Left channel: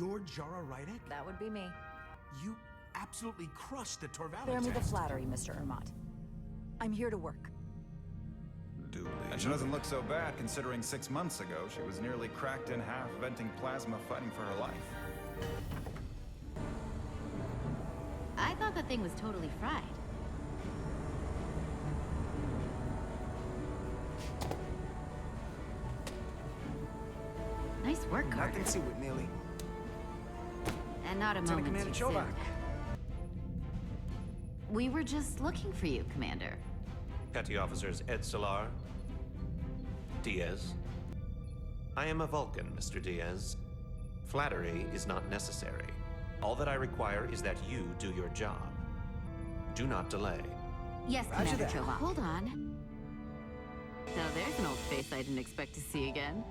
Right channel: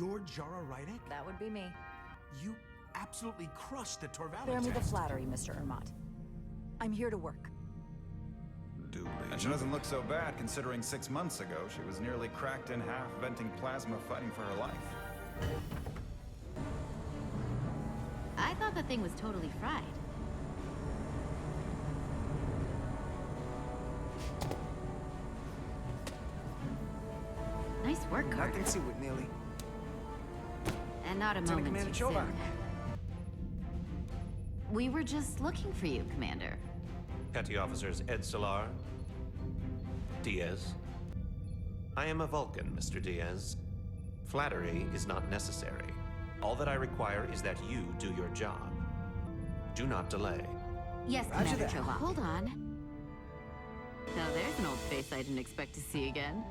You're Jara Rydek? That would be me. You absolutely crushed the Torvald Spare me the test. flattery, Mr. Ermont. I'm here to work. And she doesn't look so bad considering 6 months ago she was nearly cracked in half, venting plasma, fighting for her life. I thought the thing was totally fried. Nice work, I Carter. can see with Neely. And not a Lieutenant moment too Commander soon. We were just looking for you, Commander. Petty Officers Ed Solar, Diaz. I am a Vulcan, Mr. Diaz. Flattery is not necessary. All that I require is that you do your job. Do not delay. Yes, Roger Commander that. Chova. Hold on. Now there's an old face I didn't expect to see again.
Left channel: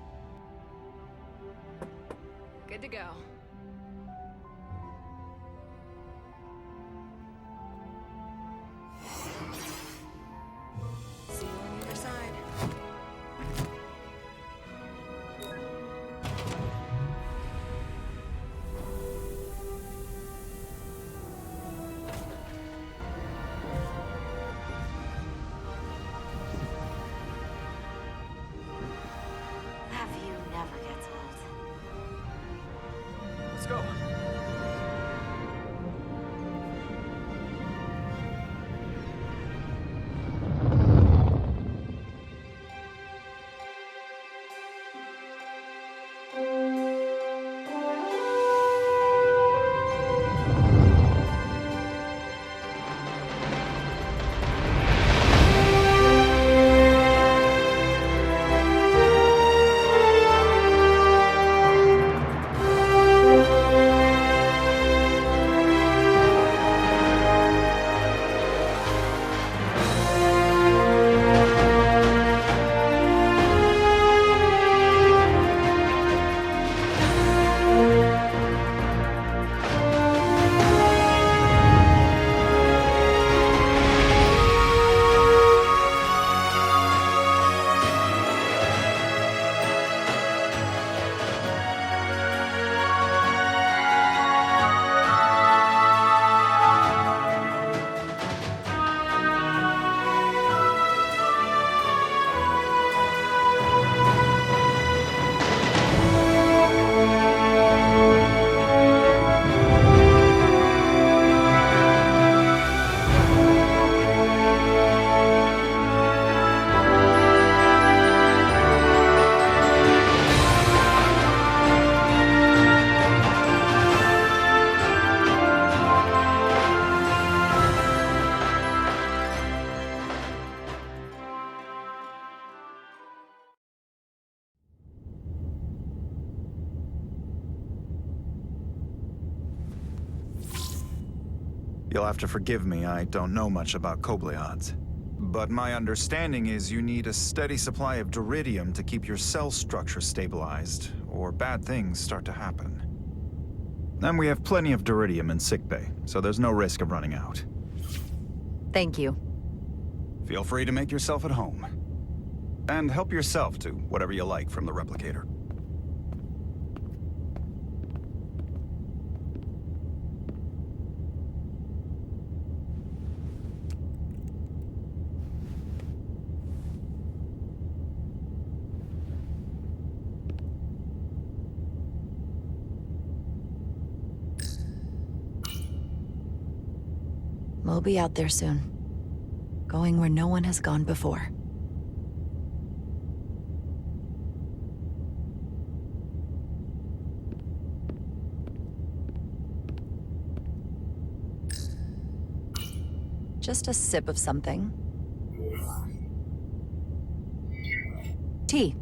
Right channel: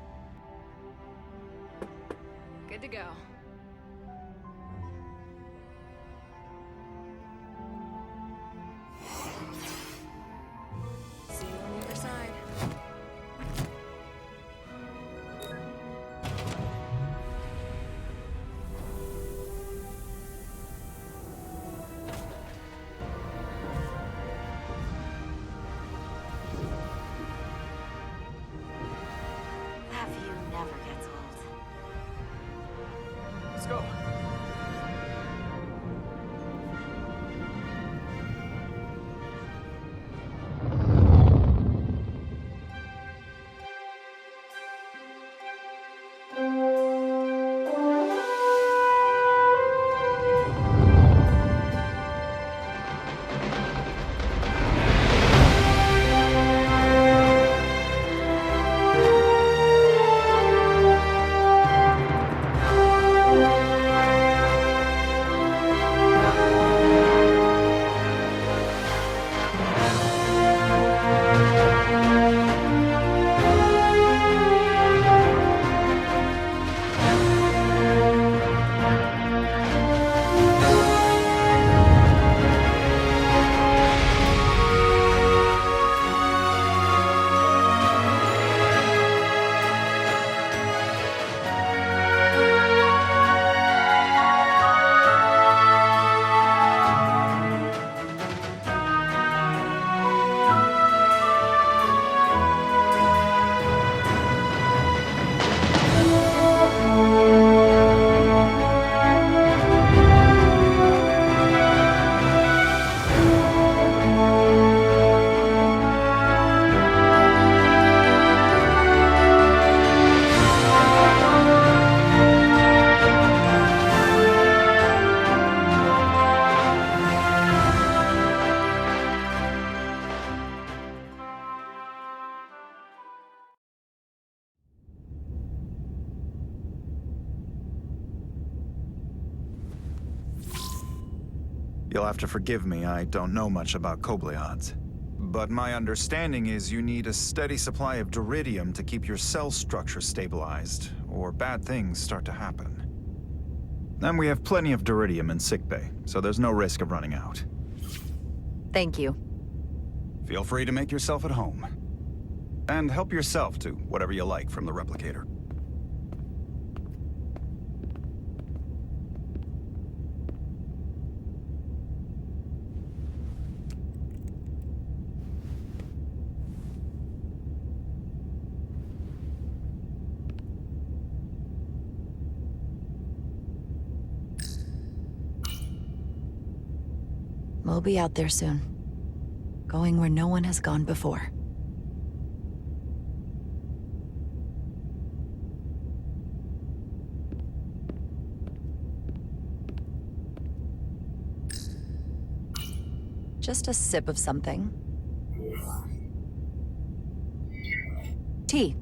Good to go. See you on the other side. That view never gets old. Let's go. You'll have to forgive me, I don't know much about Kobleods. But my understanding is you need a steady supply of duridium to keep your cell structure stabilized, or bad things start to happen. And we have plenty of duridium in sickbay, so there's no risk of running out. Thank you. Feel free to make yourself at home. And help yourself to whatever you like from the replicator. We'll be out there soon. Going where no one has gone before. Just a sip of something. Tea.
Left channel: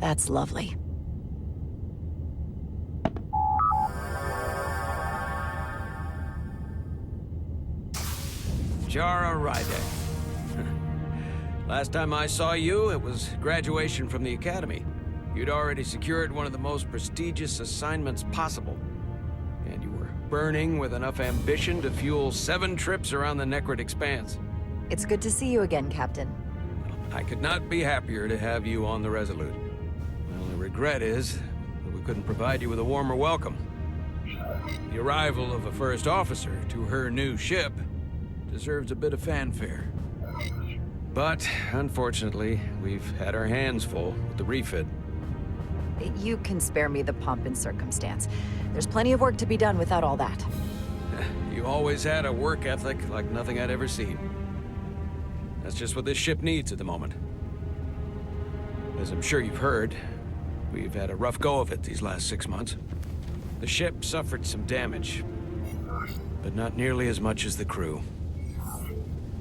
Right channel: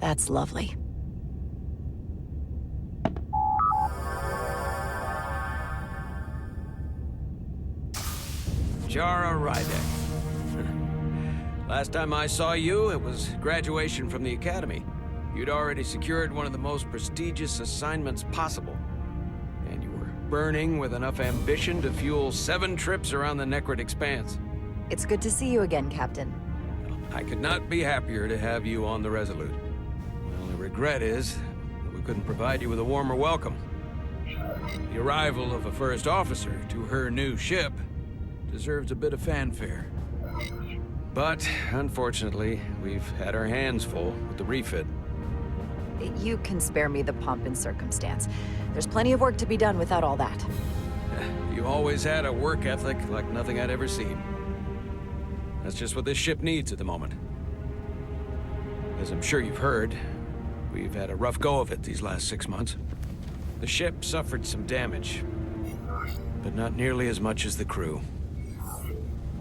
That's lovely. Jara Rydek. Last time I saw you, it was graduation from the academy. You'd already secured one of the most prestigious assignments possible. And you were burning with enough ambition to fuel 7 trips around the Necrid Expanse. It's good to see you again, Captain. I could not be happier to have you on the Resolute. My only regret is that we couldn't provide you with a warmer welcome. The arrival of a first officer to her new ship deserves a bit of fanfare. But, unfortunately, we've had our hands full with the refit. You can spare me the pomp and circumstance. There's plenty of work to be done without all that. You always had a work ethic like nothing I'd ever seen. That's just what this ship needs at the moment. As I'm sure you've heard, we've had a rough go of it these last 6 months. The ship suffered some damage, but not nearly as much as the crew.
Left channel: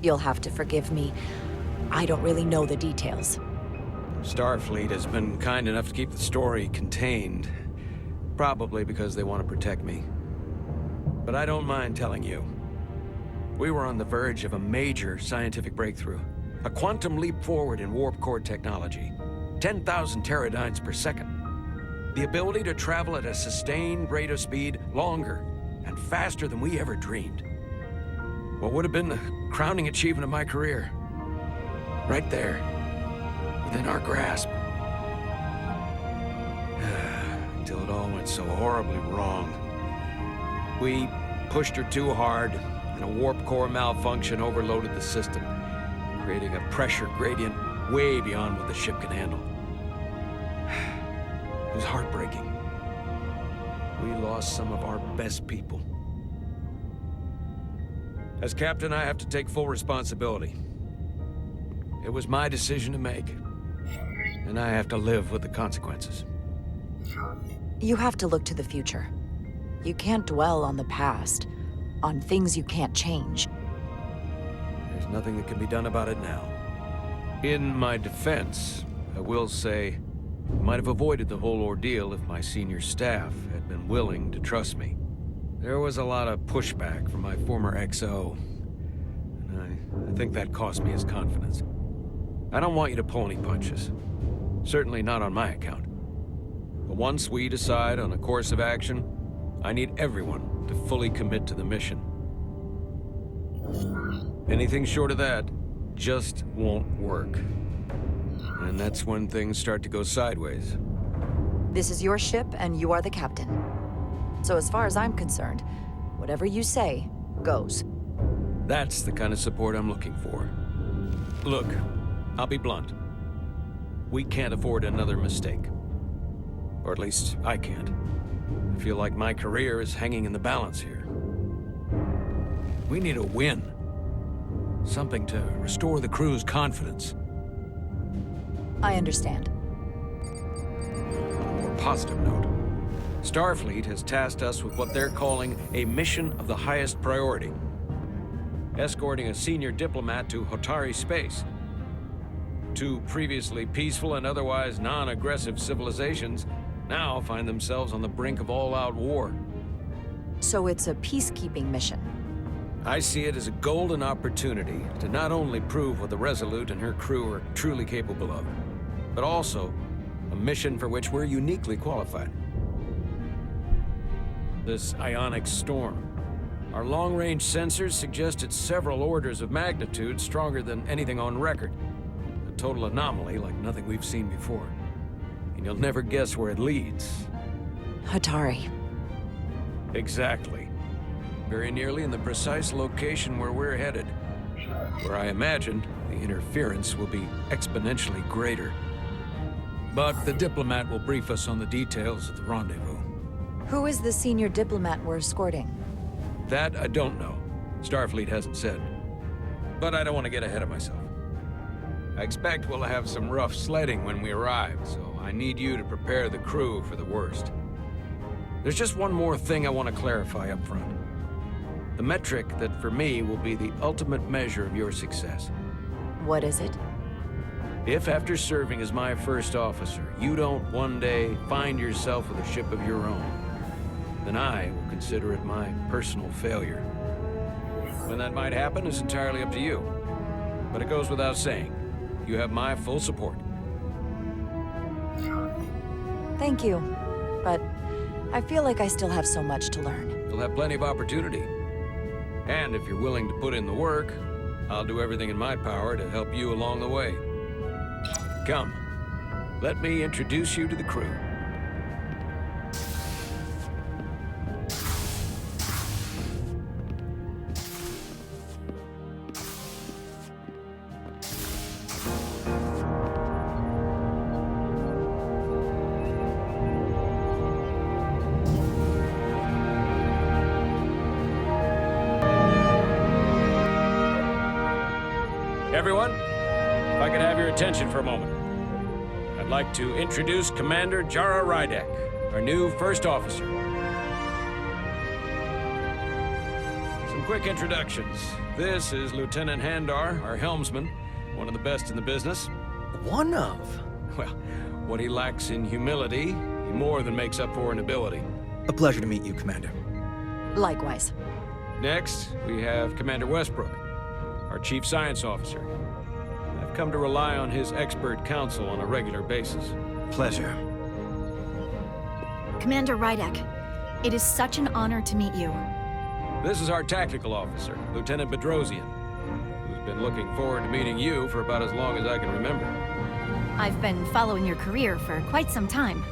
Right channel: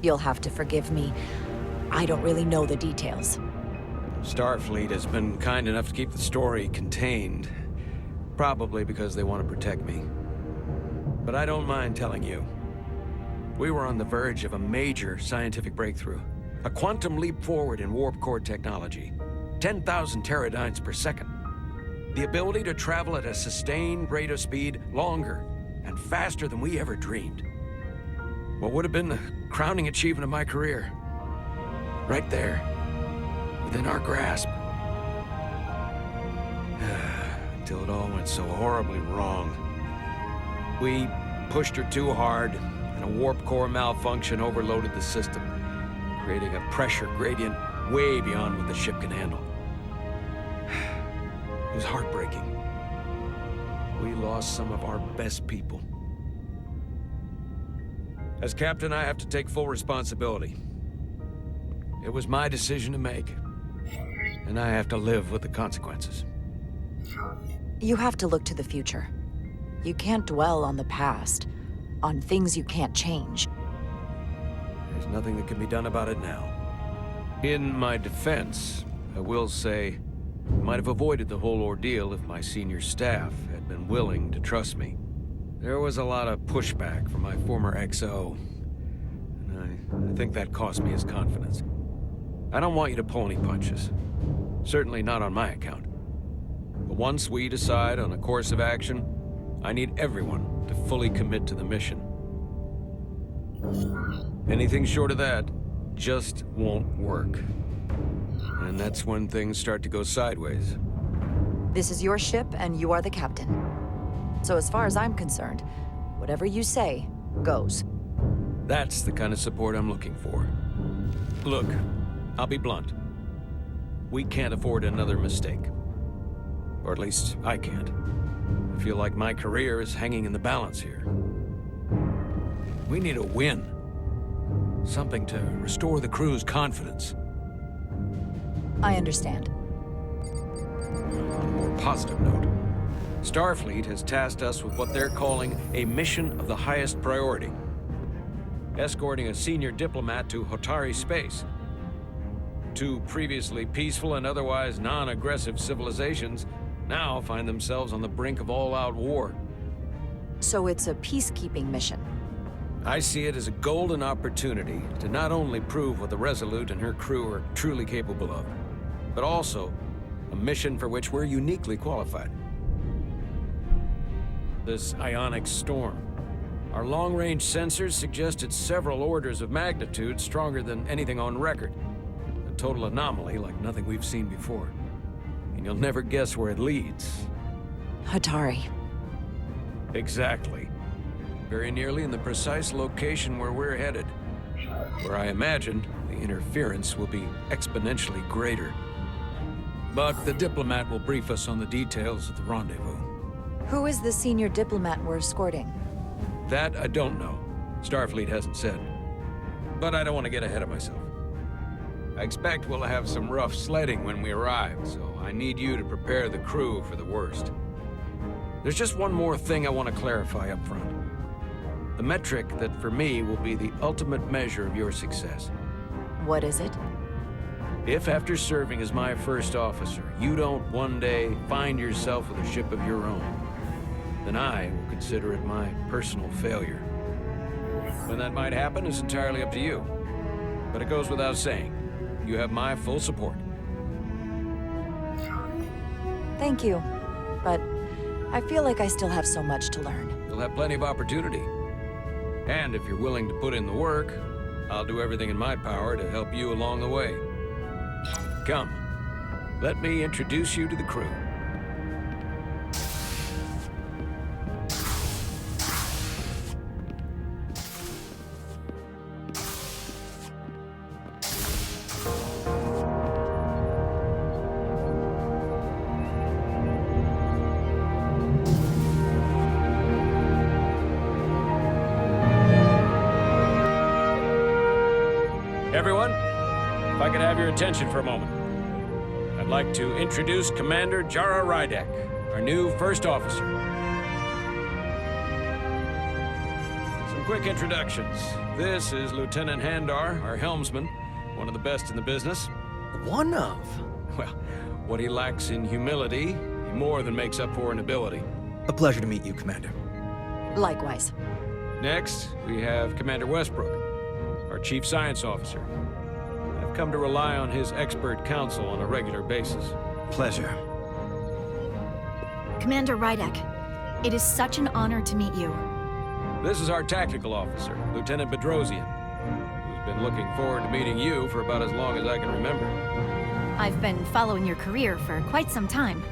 You'll have to forgive me. I don't really know the details. Starfleet has been kind enough to keep the story contained, probably because they want to protect me. But I don't mind telling you. We were on the verge of a major scientific breakthrough. A quantum leap forward in warp core technology. 10,000 teradynes per second. The ability to travel at a sustained rate of speed longer and faster than we ever dreamed. What would have been the crowning achievement of my career. Right there, within our grasp. Until it all went so horribly wrong. We pushed her too hard, and a warp core malfunction overloaded the system, creating a pressure gradient way beyond what the ship can handle. It was heartbreaking. We lost some of our best people. As captain, I have to take full responsibility. It was my decision to make, and I have to live with the consequences. You have to look to the future. You can't dwell on the past, on things you can't change. There's nothing that can be done about it now. In my defense, I will say, I might have avoided the whole ordeal if my senior staff had been willing to trust me. There was a lot of pushback from my former XO, and I think that cost me his confidence. I don't want you to pull any punches. Certainly not on my account. But once we decide on a course of action, I need everyone to fully commit to the mission. Anything short of that just won't work. And that's when things start to go sideways. This is your ship, and you are the captain. So as far as I'm concerned, whatever you say, goes. That's the kind of support I'm looking for. Look, I'll be blunt. We can't afford another mistake. Or at least, I can't. I feel like my career is hanging in the balance here. We need a win. Something to restore the crew's confidence. I understand. On a more positive note, Starfleet has tasked us with what they're calling a mission of the highest priority. Escorting a senior diplomat to Hotari space. 2 previously peaceful and otherwise non-aggressive civilizations now find themselves on the brink of all-out war. So it's a peacekeeping mission. I see it as a golden opportunity to not only prove what the Resolute and her crew are truly capable of, but also a mission for which we're uniquely qualified. This ionic storm. Our long-range sensors suggest it's several orders of magnitude stronger than anything on record. A total anomaly like nothing we've seen before. And you'll never guess where it leads. Hotari. Exactly. Very nearly in the precise location where we're headed. Where I imagine the interference will be exponentially greater. But the diplomat will brief us on the details of the rendezvous. Who is the senior diplomat we're escorting? That I don't know. Starfleet hasn't said. But I don't want to get ahead of myself. I expect we'll have some rough sledding when we arrive, so I need you to prepare the crew for the worst. There's just one more thing I want to clarify up front. The metric that for me will be the ultimate measure of your success. What is it? If after serving as my first officer, you don't one day find yourself with a ship of your own, then I will consider it my personal failure. When that might happen is entirely up to you. But it goes without saying, you have my full support. Thank you. But I feel like I still have so much to learn. You'll have plenty of opportunity. And if you're willing to put in the work, I'll do everything in my power to help you along the way. Come, let me introduce you to the crew. Everyone, if I could have your attention for a moment. I'd like to introduce Commander Jara Rydek, our new first officer. Some quick introductions. This is Lieutenant Handar, our helmsman, one of the best in the business. One of? Well, what he lacks in humility, he more than makes up for in ability. A pleasure to meet you, Commander. Likewise. Next, we have Commander Westbrook, our Chief Science Officer. I've come to rely on his expert counsel on a regular basis. Pleasure. Commander Rydek, it is such an honor to meet you. This is our Tactical Officer, Lieutenant Bedrosian, who's been looking forward to meeting you for about as long as I can remember. I've been following your career for quite some time,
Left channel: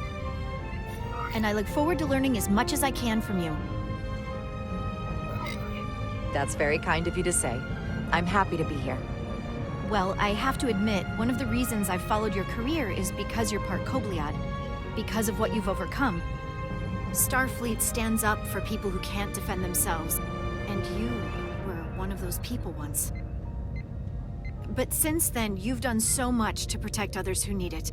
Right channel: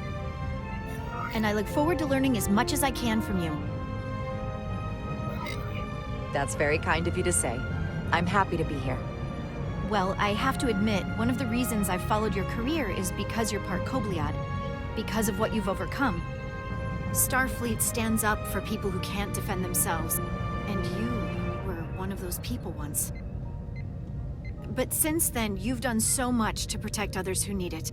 and I look forward to learning as much as I can from you. That's very kind of you to say. I'm happy to be here. Well, I have to admit, one of the reasons I've followed your career is because you're part Kobliad, because of what you've overcome. Starfleet stands up for people who can't defend themselves, and you were one of those people once. But since then, you've done so much to protect others who need it.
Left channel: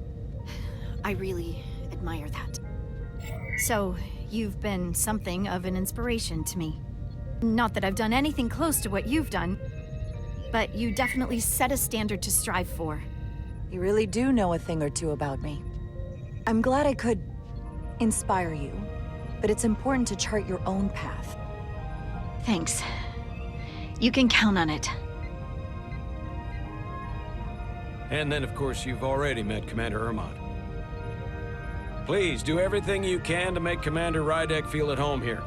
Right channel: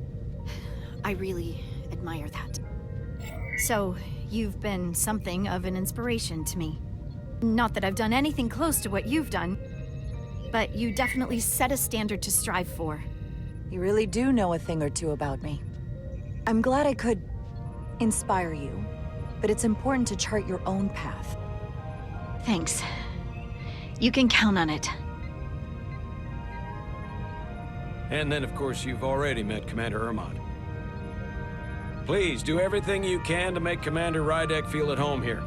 I really admire that. So, you've been something of an inspiration to me. Not that I've done anything close to what you've done, but you definitely set a standard to strive for. You really do know a thing or two about me. I'm glad I could inspire you, but it's important to chart your own path. Thanks. You can count on it. And then, of course, you've already met Commander Ermont. Please, do everything you can to make Commander Rydek feel at home here.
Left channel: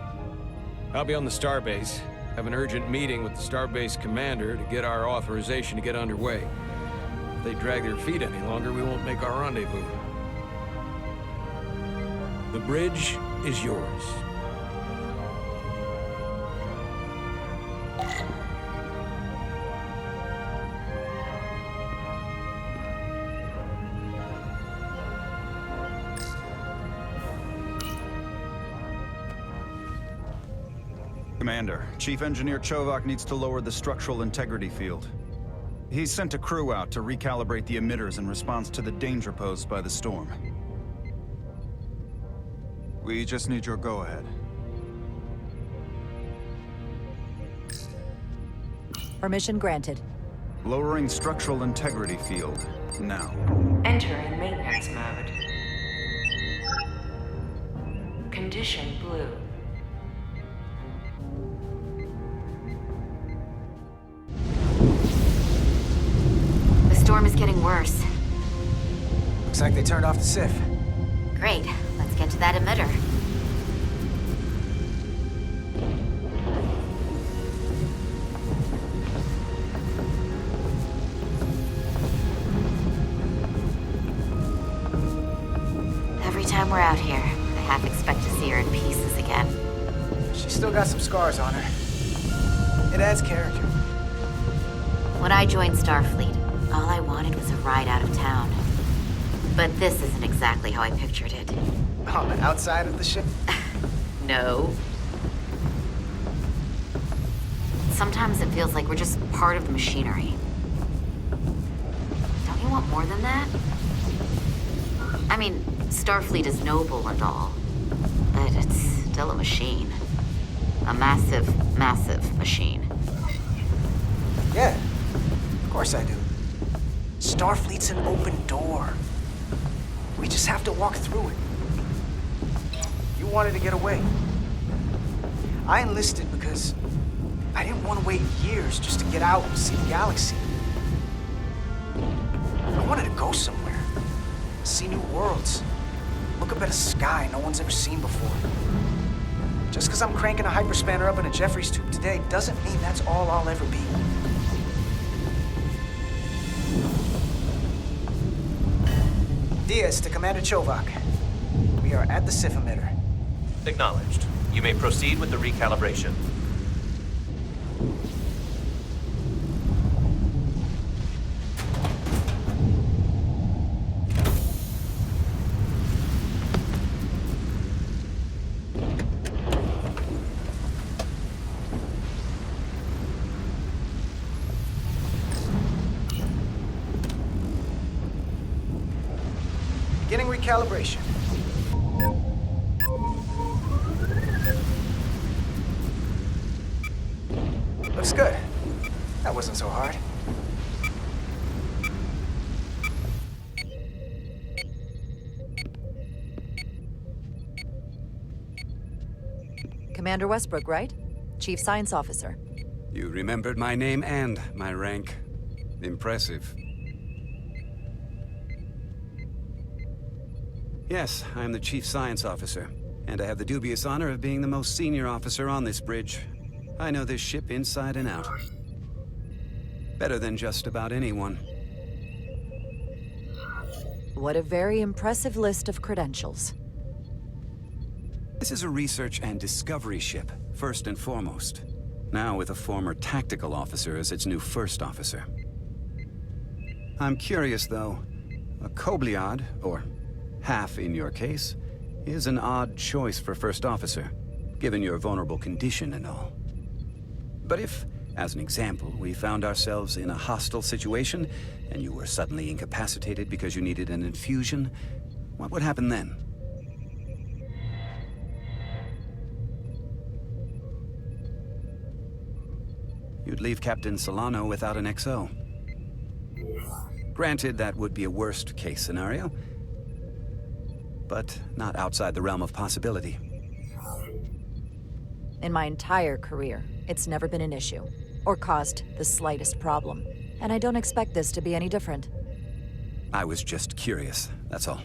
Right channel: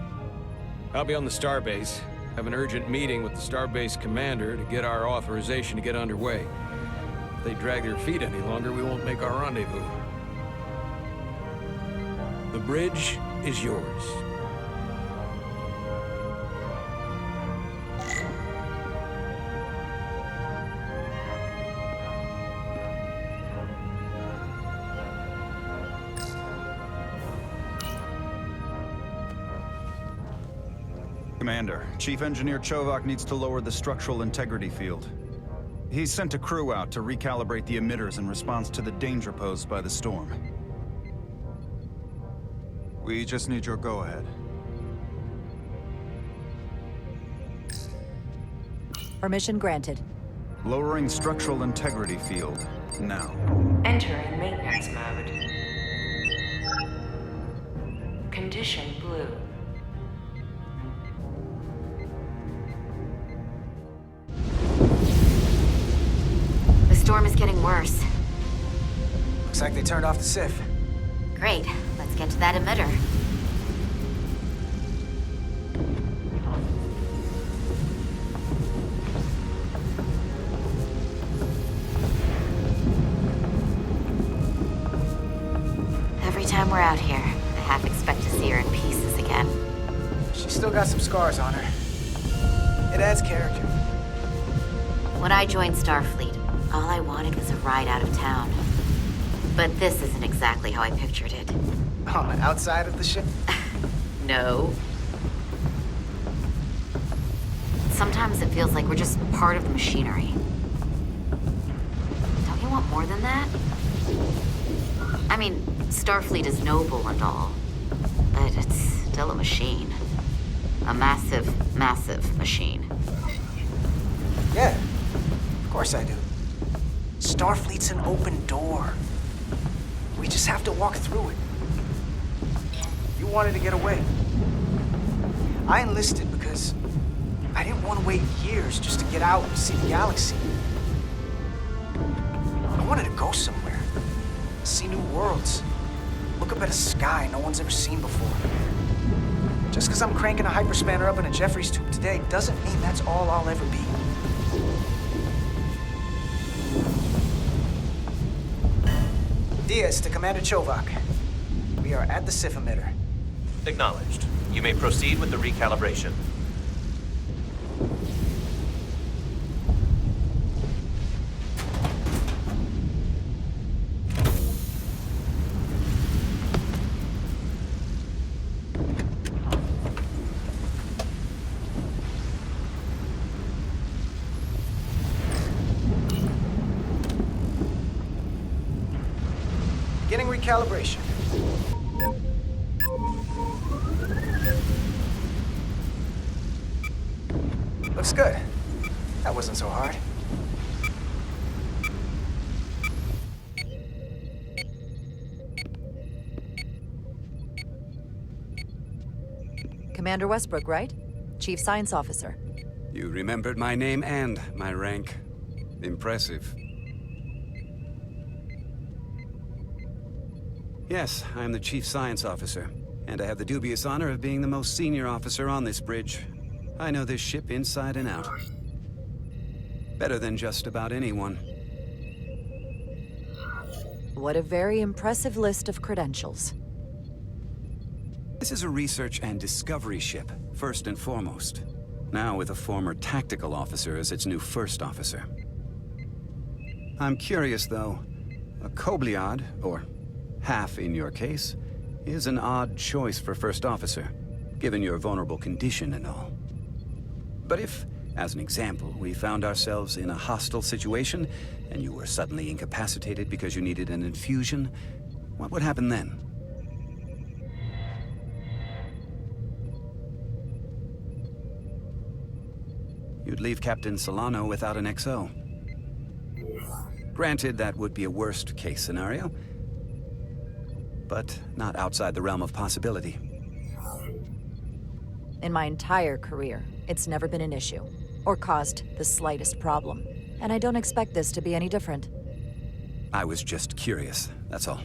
I'll be on the starbase. Have an urgent meeting with the starbase commander to get our authorization to get underway. If they drag their feet any longer, we won't make our rendezvous. The bridge is yours. Commander, Chief Engineer Chovak needs to lower the structural integrity field. He's sent a crew out to recalibrate the emitters in response to the danger posed by the storm. We just need your go-ahead. Permission granted. Lowering structural integrity field, now. Entering maintenance mode. Condition blue. The storm is getting worse. Looks like they turned off the SIF. Great. Let's get to that emitter. Every time we're out here, I half expect to see her in pieces again. She's still got some scars on her. It adds character. When I joined Starfleet, all I wanted was a ride out of town. But this isn't exactly how I pictured it. On the outside of the ship? No. Sometimes it feels like we're just part of the machinery. Don't you want more than that? I mean, Starfleet is noble and all, but it's still a machine. A massive, massive machine. Yeah, of course I do. Starfleet's an open door. We just have to walk through it. You wanted to get away. I enlisted because I didn't want to wait years just to get out and see the galaxy. I wanted to go somewhere, see new worlds, look up at a sky no one's ever seen before. Just because I'm cranking a hyperspanner up in a Jeffries tube today doesn't mean that's all I'll ever be. Diaz to Commander Chovak. We are at the SIF emitter. Acknowledged. You may proceed with the recalibration. Beginning recalibration. Looks good. That wasn't so hard. Commander Westbrook, right? Chief Science Officer. You remembered my name and my rank. Impressive. Yes, I'm the Chief Science Officer, and I have the dubious honor of being the most senior officer on this bridge. I know this ship inside and out. Better than just about anyone. What a very impressive list of credentials. This is a research and discovery ship, first and foremost. Now with a former tactical officer as its new first officer. I'm curious, though. A Kobliad, or half in your case, is an odd choice for first officer, given your vulnerable condition and all. But if, as an example, we found ourselves in a hostile situation, and you were suddenly incapacitated because you needed an infusion, what would happen then? You'd leave Captain Solano without an XO. Granted, that would be a worst-case scenario, but not outside the realm of possibility. In my entire career, it's never been an issue, or caused the slightest problem. And I don't expect this to be any different. I was just curious, that's all.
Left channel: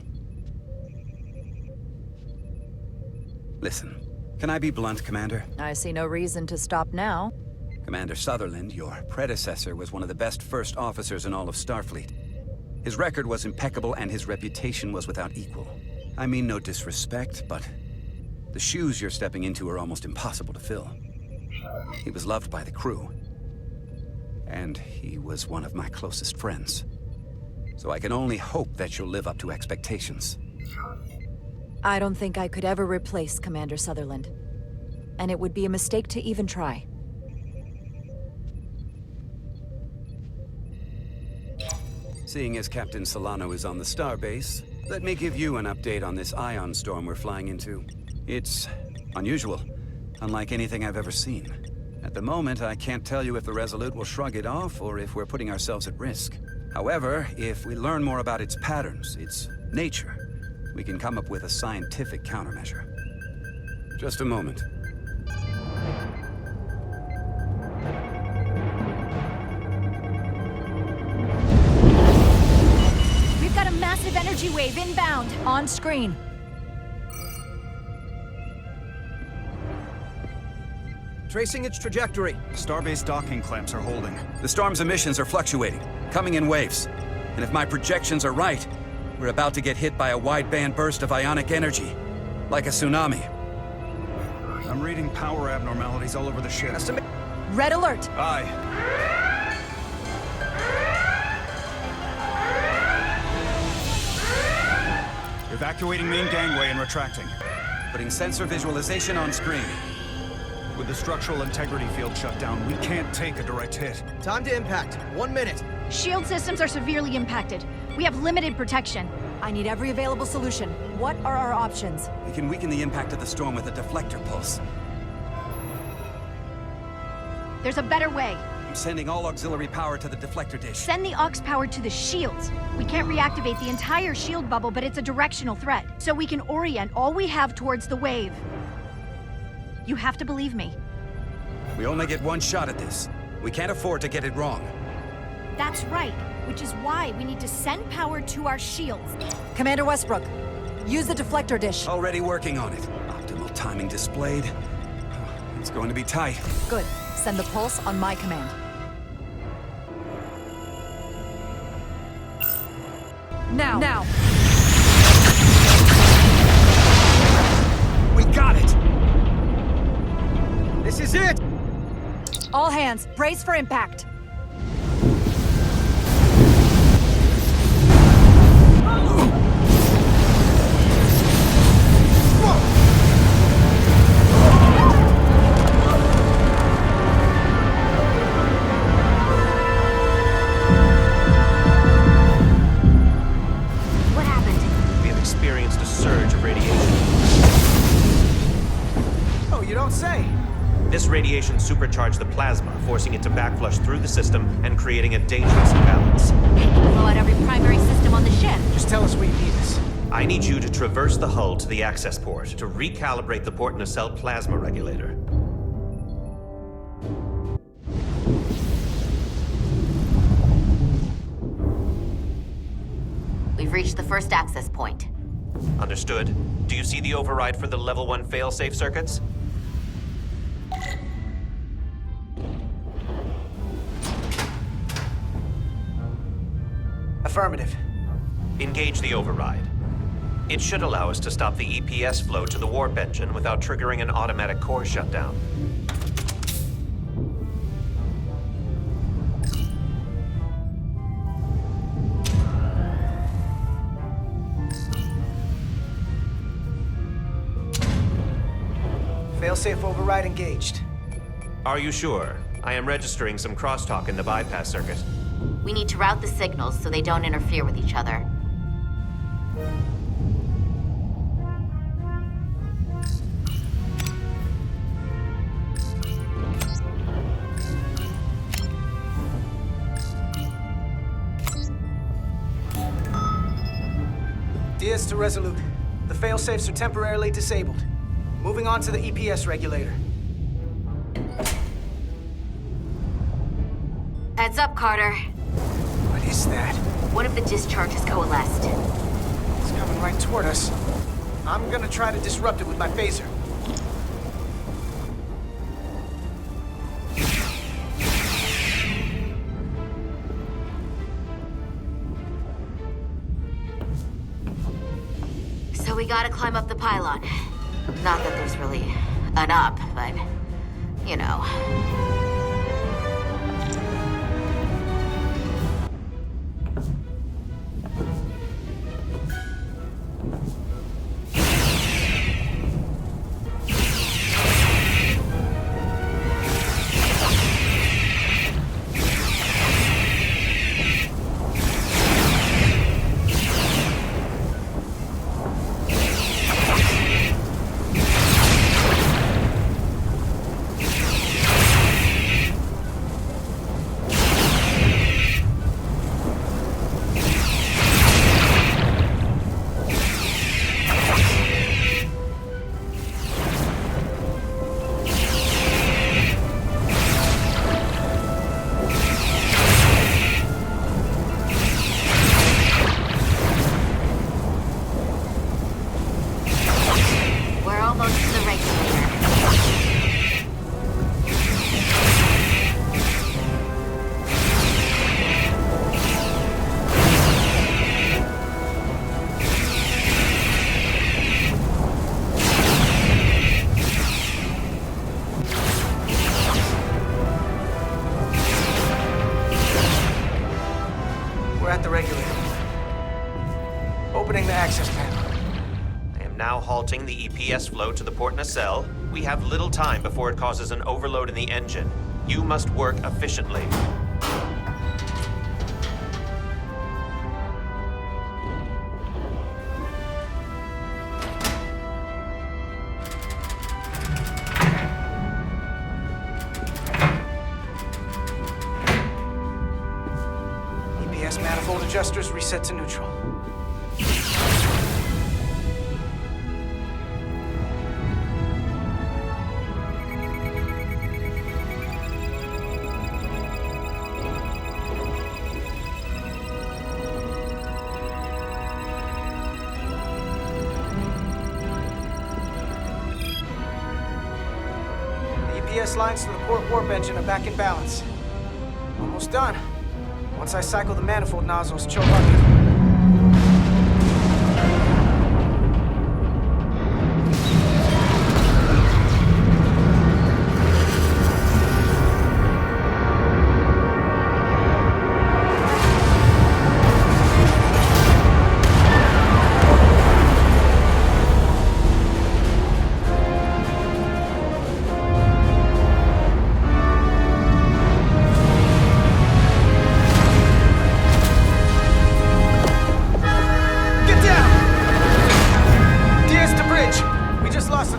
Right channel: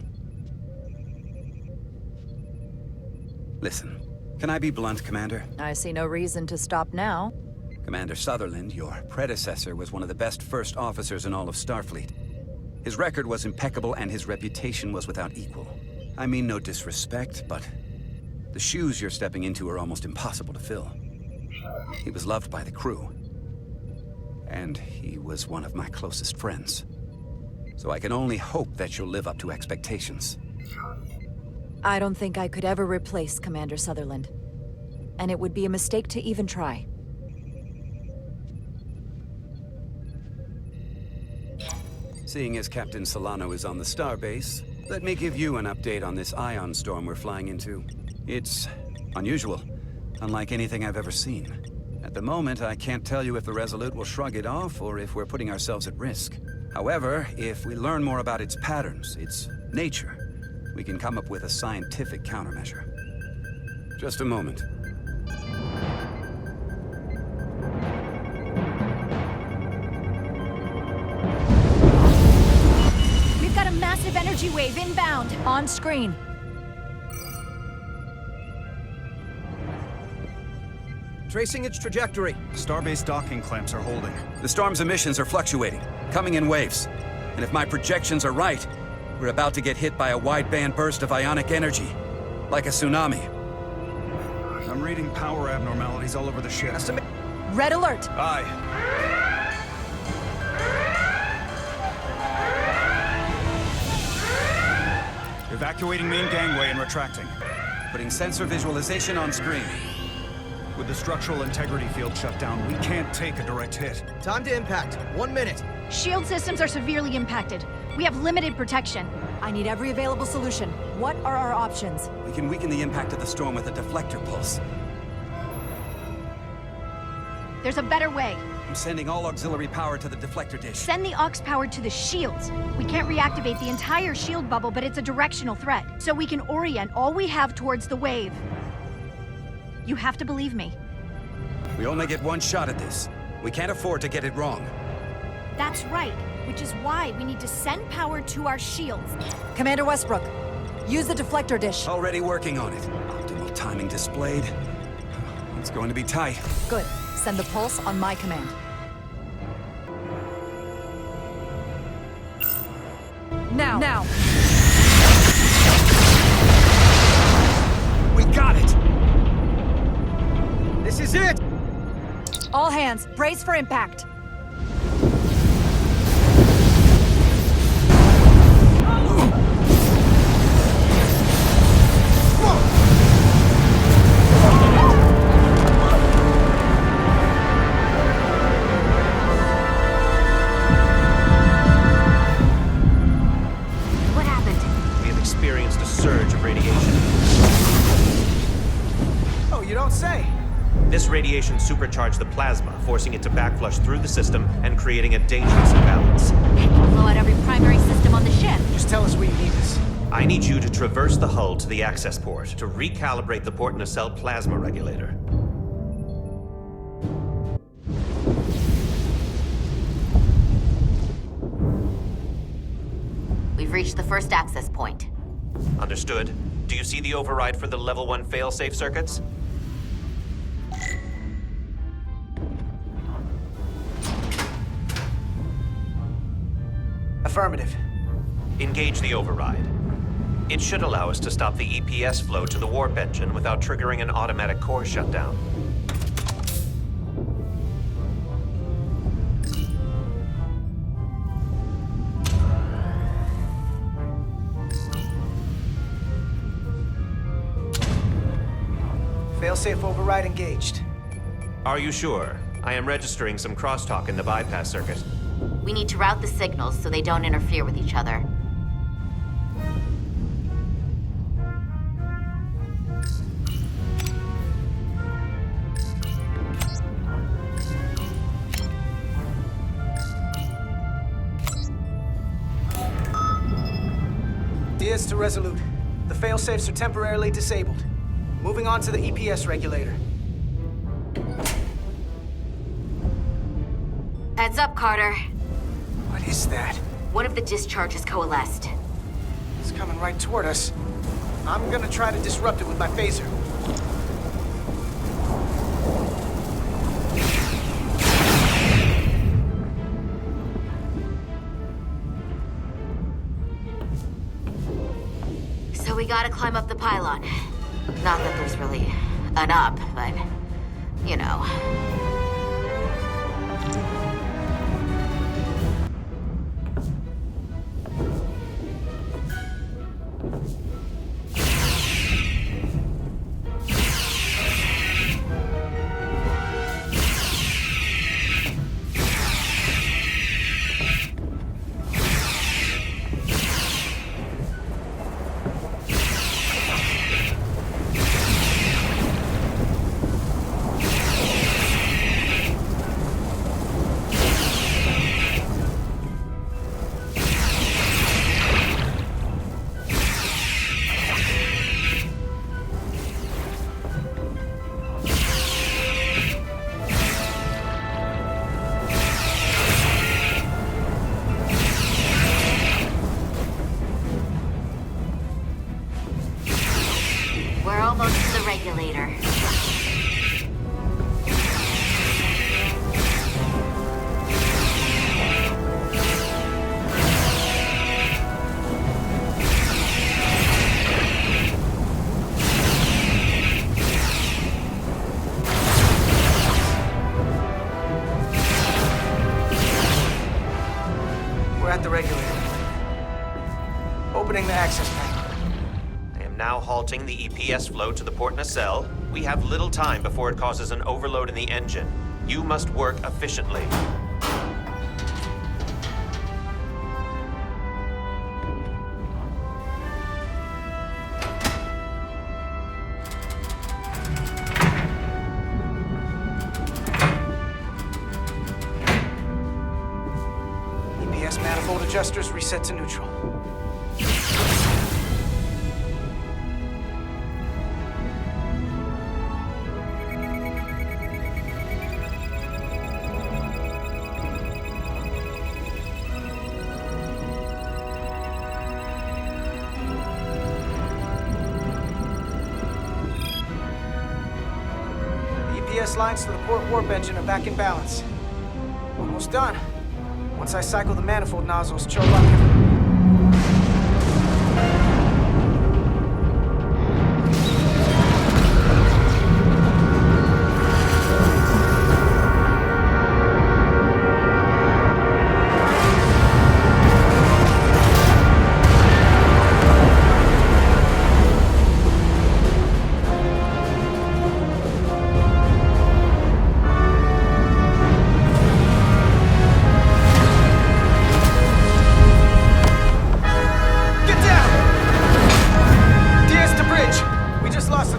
Listen, can I be blunt, Commander? I see no reason to stop now. Commander Sutherland, your predecessor, was one of the best first officers in all of Starfleet. His record was impeccable and his reputation was without equal. I mean no disrespect, but the shoes you're stepping into are almost impossible to fill. He was loved by the crew, and he was one of my closest friends. So I can only hope that you'll live up to expectations. I don't think I could ever replace Commander Sutherland. And it would be a mistake to even try. Seeing as Captain Solano is on the starbase, let me give you an update on this ion storm we're flying into. It's unusual, unlike anything I've ever seen. At the moment, I can't tell you if the Resolute will shrug it off or if we're putting ourselves at risk. However, if we learn more about its patterns, its nature, we can come up with a scientific countermeasure. Just a moment. We've got a massive energy wave inbound. On screen. Tracing its trajectory. Starbase docking clamps are holding. The storm's emissions are fluctuating, coming in waves. And if my projections are right, we're about to get hit by a wide-band burst of ionic energy, like a tsunami. I'm reading power abnormalities all over the ship. Red alert! Aye. Evacuating main gangway and retracting. Putting sensor visualization on screen. With the structural integrity field shut down, we can't take a direct hit. Time to impact. 1 minute. Shield systems are severely impacted. We have limited protection. I need every available solution. What are our options? We can weaken the impact of the storm with a deflector pulse. There's a better way. I'm sending all auxiliary power to the deflector dish. Send the aux power to the shields. We can't reactivate the entire shield bubble, but it's a directional threat. So we can orient all we have towards the wave. You have to believe me. We only get one shot at this. We can't afford to get it wrong. That's right, which is why we need to send power to our shields. Commander Westbrook, use the deflector dish. Already working on it. Optimal timing displayed. It's going to be tight. Good. Send the pulse on my command. Now! We got it! This is it! All hands, brace for impact. What happened? We have experienced a surge of radiation. Oh, you don't say. This radiation supercharged the plasma, forcing it to backflush through the system and creating a dangerous imbalance. Blow out every primary system on the ship. Just tell us where you need us. I need you to traverse the hull to the access port to recalibrate the port nacelle plasma regulator. We've reached the first access point. Understood. Do you see the override for the level 1 failsafe circuits? Affirmative. Engage the override. It should allow us to stop the EPS flow to the warp engine without triggering an automatic core shutdown. Failsafe override engaged. Are you sure? I am registering some crosstalk in the bypass circuit. We need to route the signals so they don't interfere with each other. Diaz to Resolute. The failsafes are temporarily disabled. Moving on to the EPS regulator. Heads up, Carter. What is that? One of the discharges coalesced. It's coming right toward us. I'm gonna try to disrupt it with my phaser. So we gotta climb up the pylon. Not that there's really an up, but, you know. We're almost to the regulator. We're at the regulator. Opening the access panel. I am now halting the EPS flow to the port nacelle. We have little time before it causes an overload in the engine. You must work efficiently. EPS manifold adjusters reset to neutral. egress lines to the port warp engine are back in balance. Almost done. Once I cycle the manifold nozzles, Chova can...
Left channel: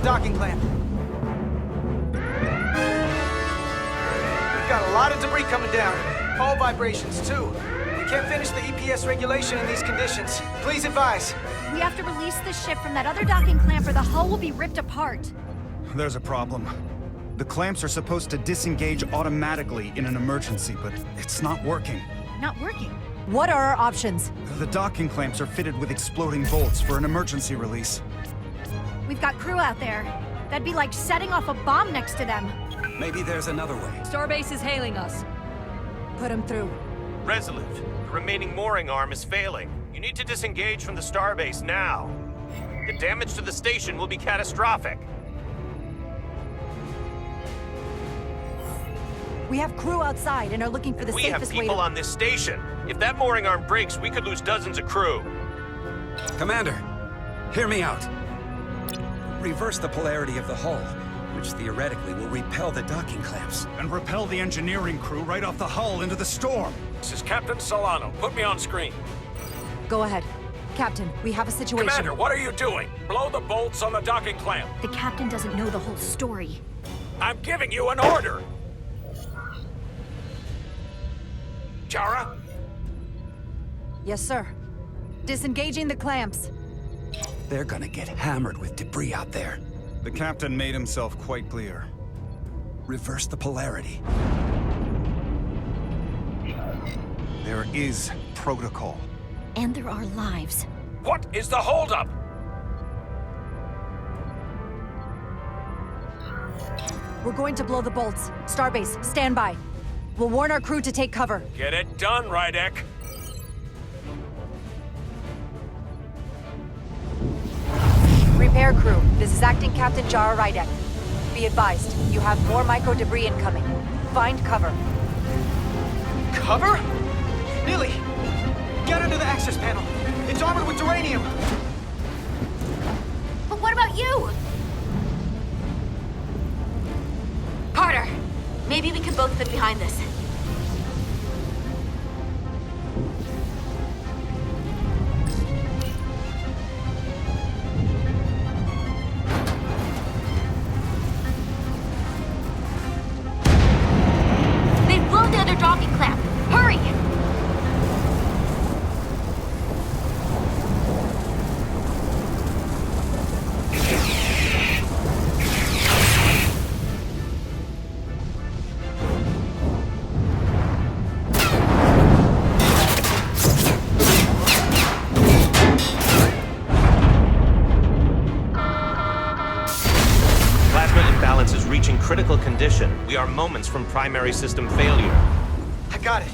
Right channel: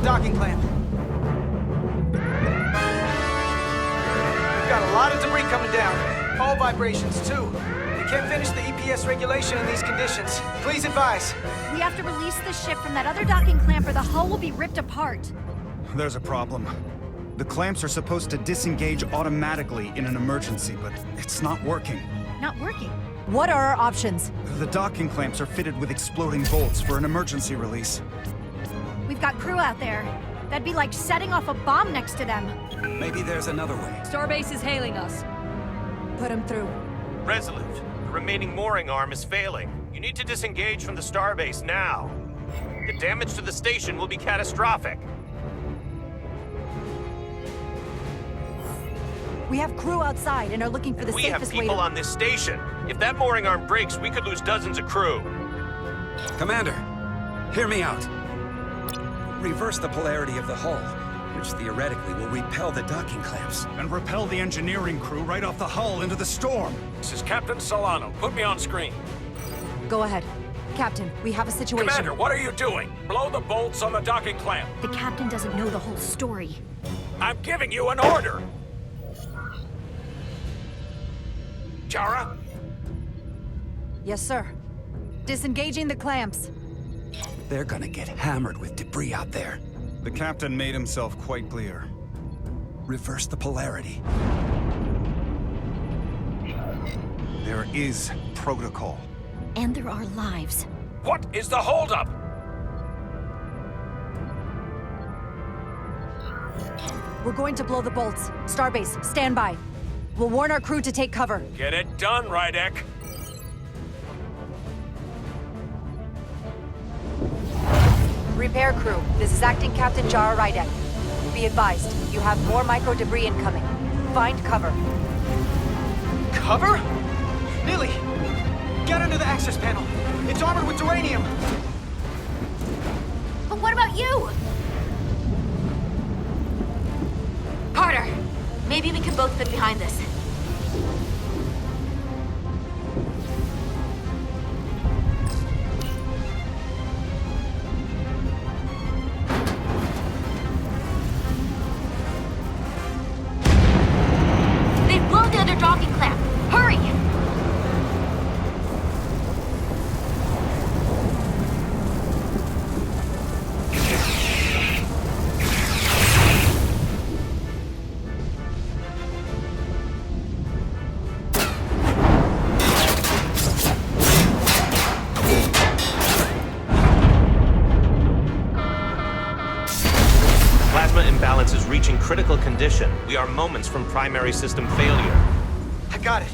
docking clamp. We've got a lot of debris coming down. Hull vibrations, too. We can't finish the EPS regulation in these conditions. Please advise. We have to release the ship from that other docking clamp or the hull will be ripped apart. There's a problem. The clamps are supposed to disengage automatically in an emergency, but it's not working. Not working? What are our options? The docking clamps are fitted with exploding bolts for an emergency release. We've got crew out there. That'd be like setting off a bomb next to them. Maybe there's another way. Starbase is hailing us. Put him through. Resolute, the remaining mooring arm is failing. You need to disengage from the starbase now. The damage to the station will be catastrophic. We have crew outside and are looking for the We have safest way people to... on this station. If that mooring arm breaks, we could lose dozens of crew. Commander, hear me out. Reverse the polarity of the hull, which theoretically will repel the docking clamps. And repel the engineering crew right off the hull into the storm. This is Captain Solano. Put me on screen. Go ahead. Captain, we have a situation. Commander, what are you doing? Blow the bolts on the docking clamp. The captain doesn't know the whole story. I'm giving you an order. Chara? Yes, sir. Disengaging the clamps. They're gonna get hammered with debris out there. The captain made himself quite clear. Reverse the polarity. There is protocol. And there are lives. What is the holdup? We're going to blow the bolts. Starbase, stand by. We'll warn our crew to take cover. Get it done, Rydek. Repair crew, this is Acting Captain Jara Rydek. Be advised, you have more micro-debris incoming. Find cover. Cover? Lily, get under the access panel. It's armored with duranium. But what about you? Carter, maybe we could both fit behind this. They've blown the other docking clamp. Hurry! Plasma imbalance is reaching critical condition. We are moments from primary system failure. I got it.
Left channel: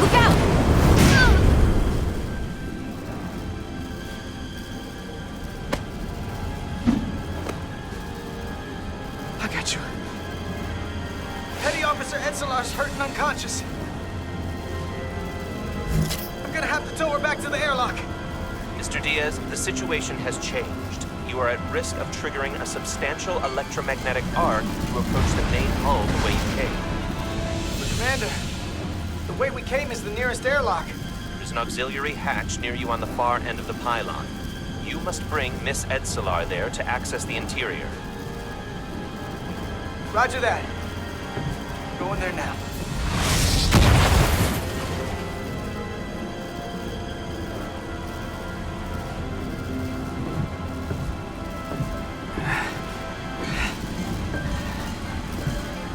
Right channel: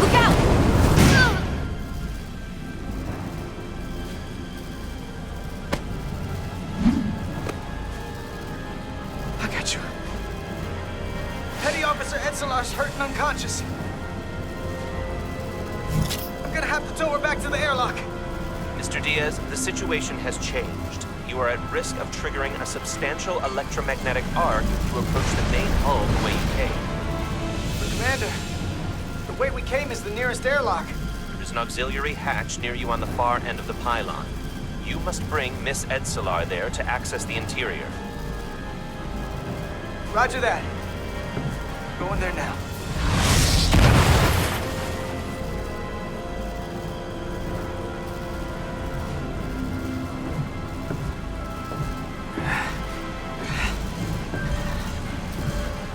Look out! I got you. Petty Officer Etzelar's hurt and unconscious. have to tow her back to the airlock. Mr. Diaz, the situation has changed. You are at risk of triggering a substantial electromagnetic arc if you approach the main hull the way you came. But Commander, the way we came is the nearest airlock. There is an auxiliary hatch near you on the far end of the pylon. You must bring Miss Edsolar there to access the interior. Roger that. Going there now.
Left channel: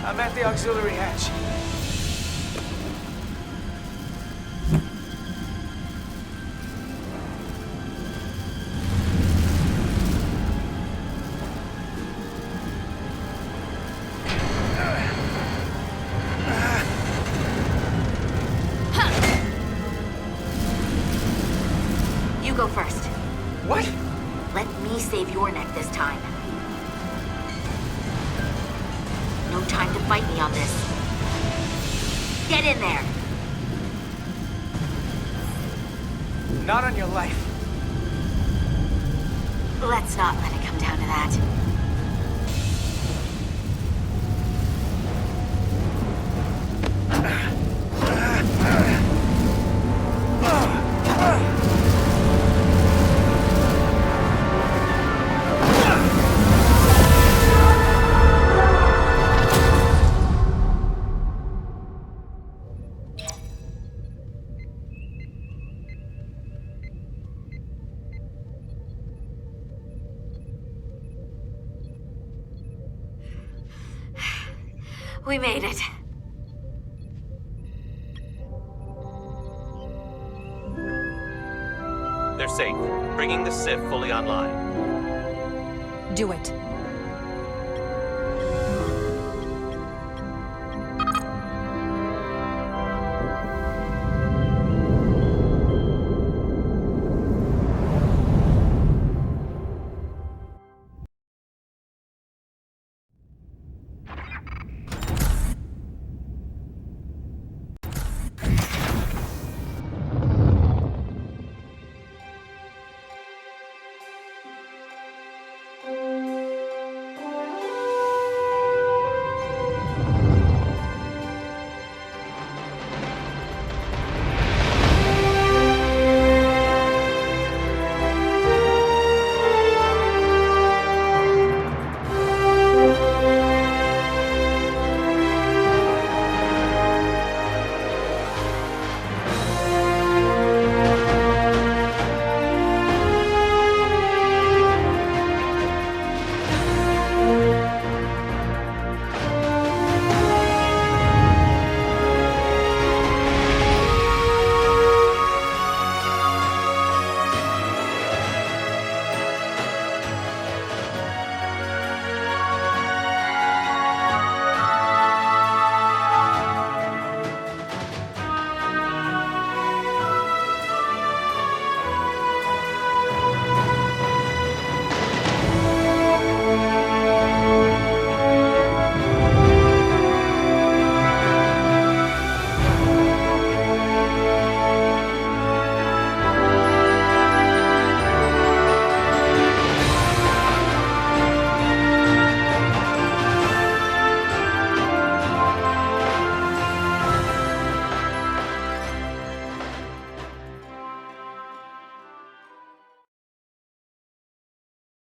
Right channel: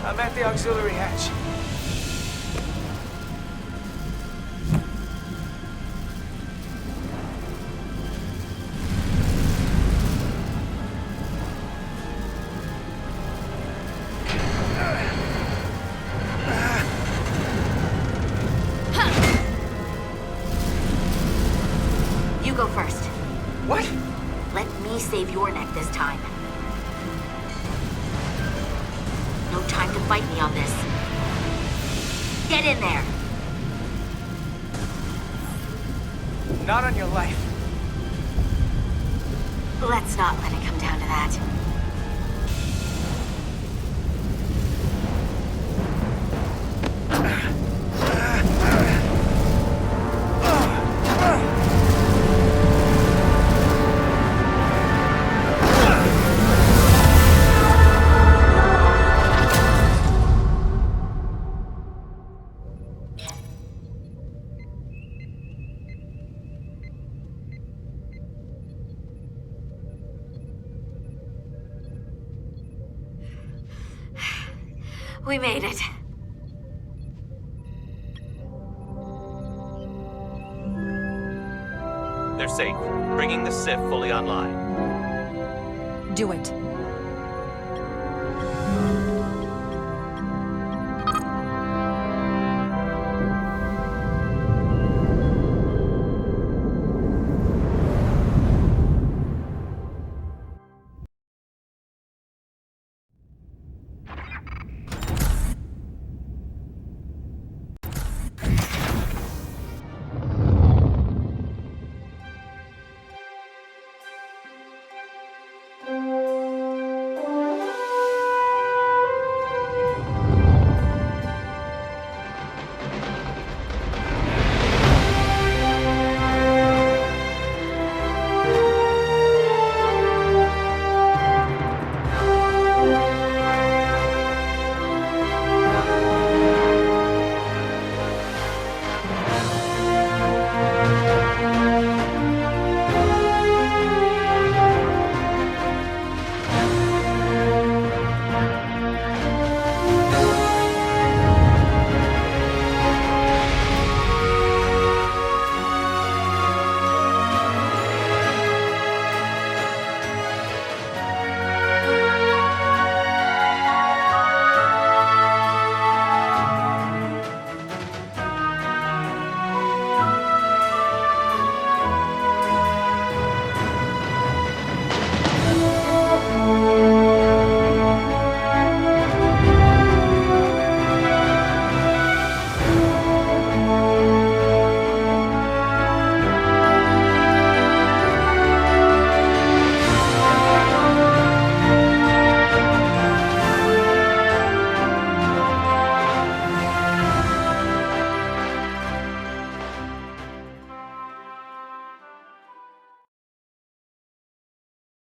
I'm at the auxiliary hatch. You go first. What? Let me save your neck this time. No time to fight me on this. Get in there! Not on your life. Let's not let it come down to that. We made it. They're safe, bringing the SIF fully online. Do it.